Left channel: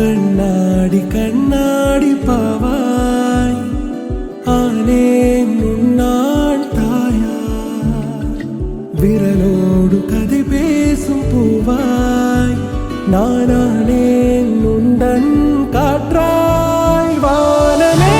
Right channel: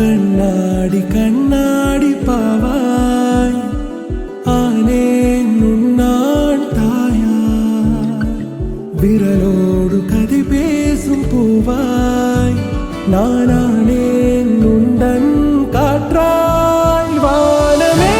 கண்ணாடி கண்ணாடி பாவாய் ஆனேன் உன்னான் தாயாய் விரலோடு கதை பேசும் பூவாய் நானானேன் உந்தன் காற்றாய் வானமே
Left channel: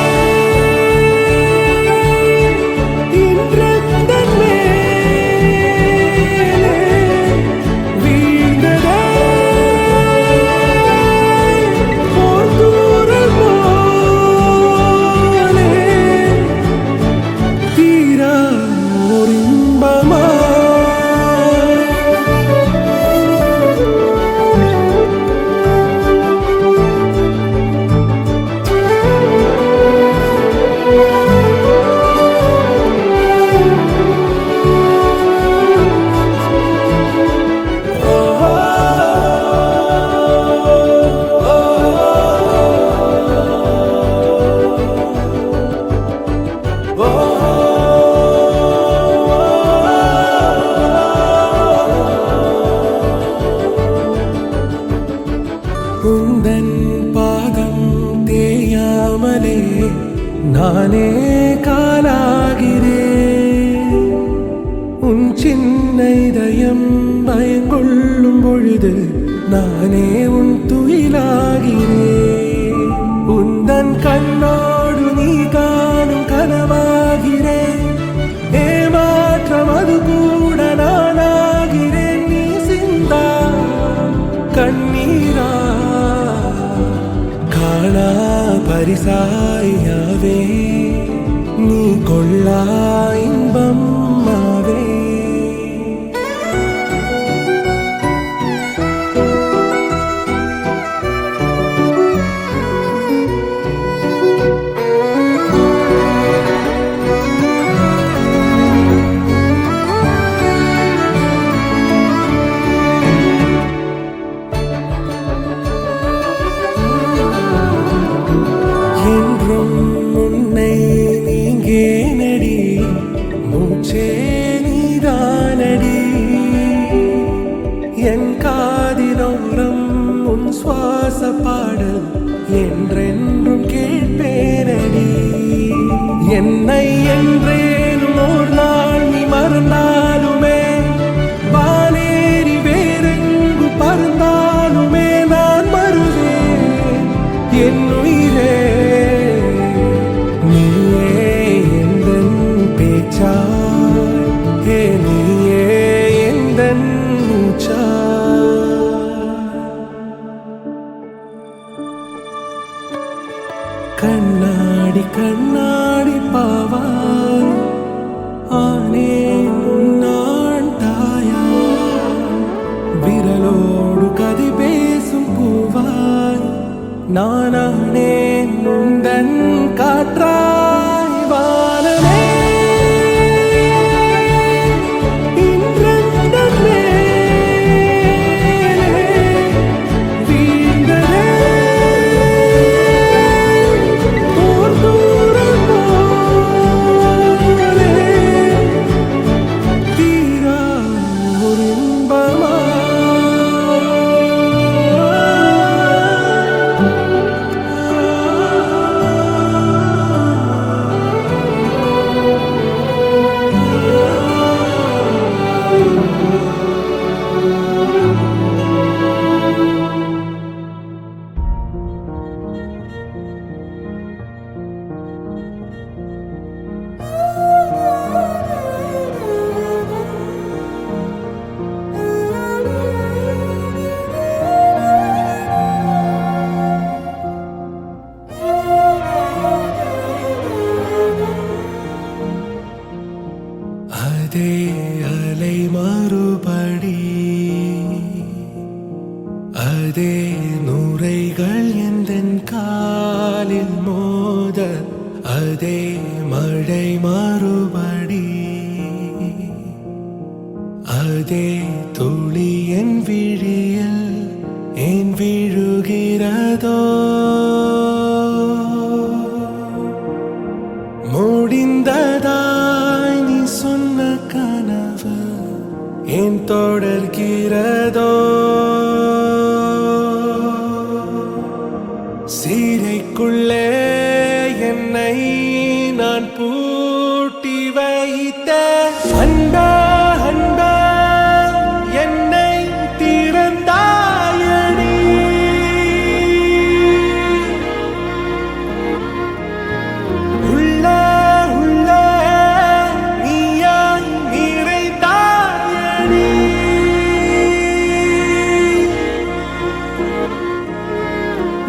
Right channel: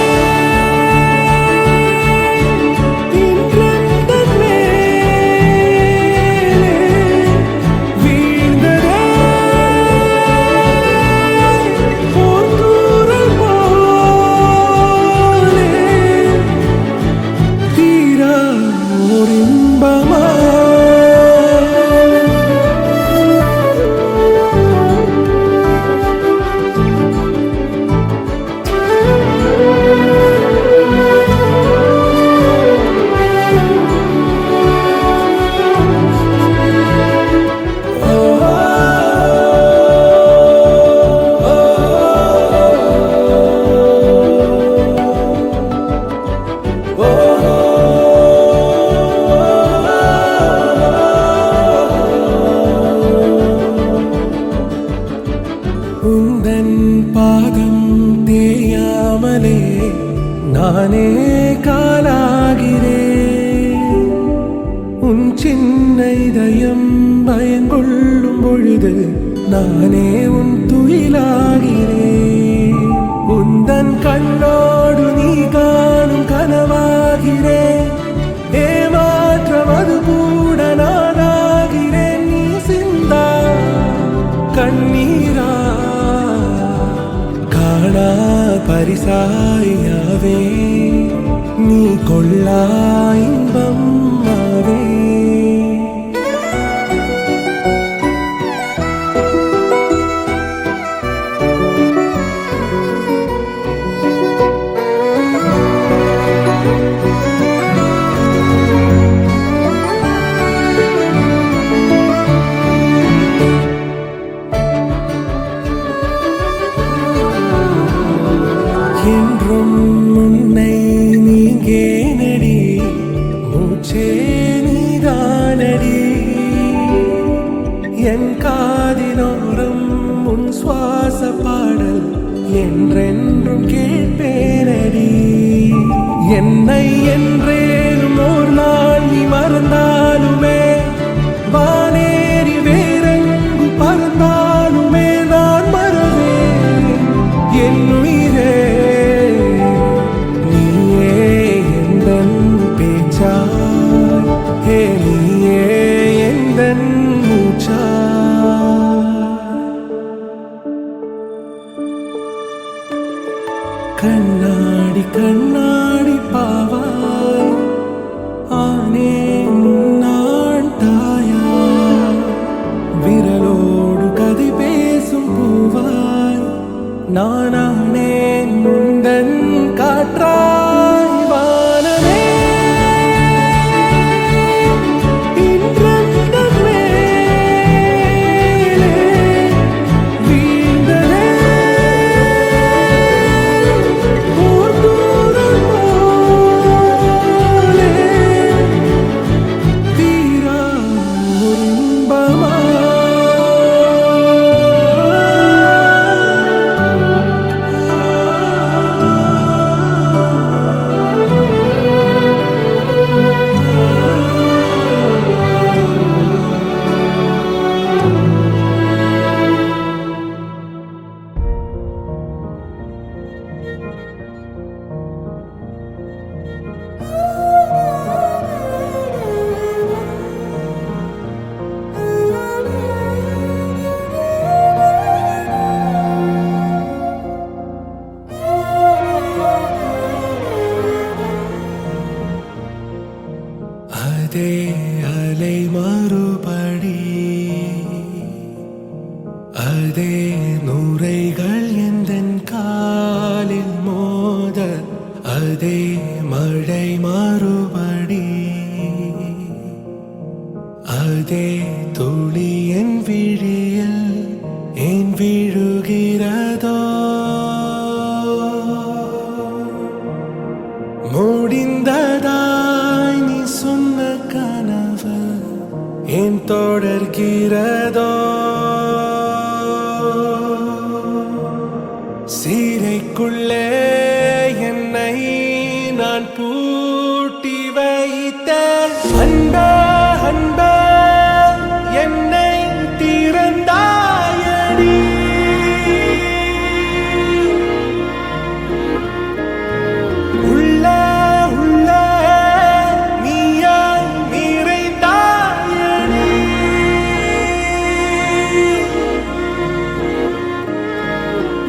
உந்தன் பாதம் தேயாமலே நானே காலாகிறேன் உன் சின்ன இதயம் பயங்கொள்ளும் பொழுது நானே உன் துயிலாகிறேன் உந்தன் கண்ணோடு நீ காணும் கனவாகிறேன் ஏமாற்றம் அது கூட நானாகிறேன் நீ சிந்தா கண்ணீரா காணா பரிசாயாவே நீ கொள்ளா இன்பம் ஆவே என்றும் உன்னை நீங்கே நடி மூச்சே நீதானடி என் காதினோரம் உன் சுவாச பாடல் என்றென்றும் கேட்பேனடி என்னை என்றேனும் ஒரு நாள் நீ மறந்தாலுமே வானேறி வேறெங்கு பறந்தாலுமே நான் மறவேன் என் உயிரே நீயே எந்தன் பேச்சாய் ஹே நீயே எந்தன் மூச்சாய் கண்ணாடி கண்ணாடி பாவாய் ஆனேன் உன்னான் தாயாய் விரலோடு கதை பேசும் பூவாய் நானானேன் உந்தன் காற்றாய் வானமே அதே அலை மறுபடி அதே நுரைகள் எந்தன் காலில் மோத அதே மழை மறுபடி அதே துளி என் விழியில் ஏன் விழுகிறதோ முடிந்ததாய் நீ சொன்ன கனவு ஏன் தொடர்கிறதோ எனக்குள்ளே என்னை நான் பூட்டி வைத்தேன். அன்பே அன்பே என்னை திறந்தாயடி. உள்ளே உள்ளே நீயாய் நிறைந்தாயடி.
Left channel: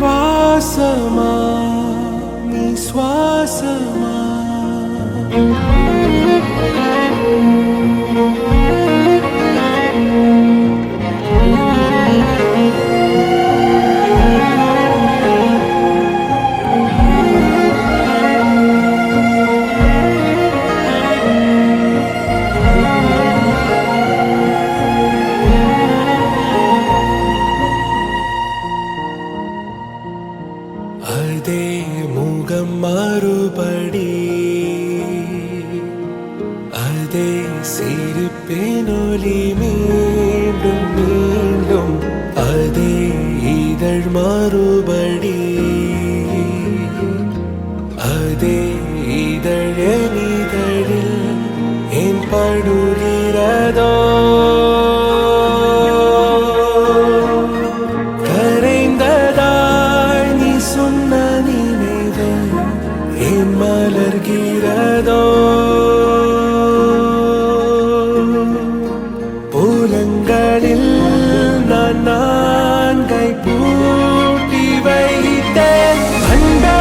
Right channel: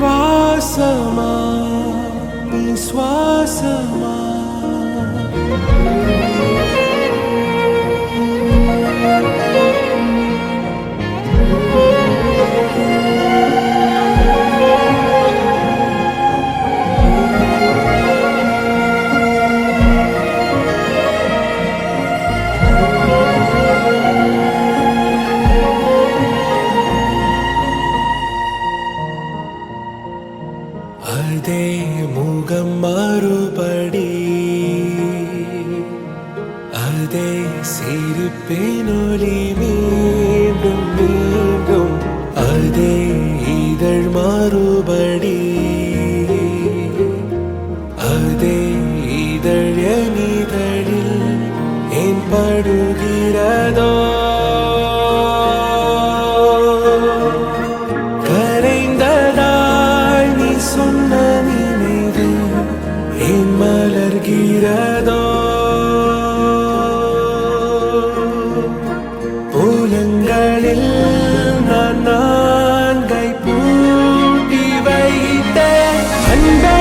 வாசமா நீ சுவாசமா அதே முகம் மறுபடி, அதே சிரிப்பினொலி மீண்டும் மீண்டும், அதே இதழ் மறுபடி, அதே இதழ் என் இதழில் ஏன் படுகிறதோ. கரைந்ததாய் நீ சொன்ன நினைவு ஏன் மலர்கிறதோ. புலங்களில் நான் நான்கை பூட்டி வைத்தேன். அன்பே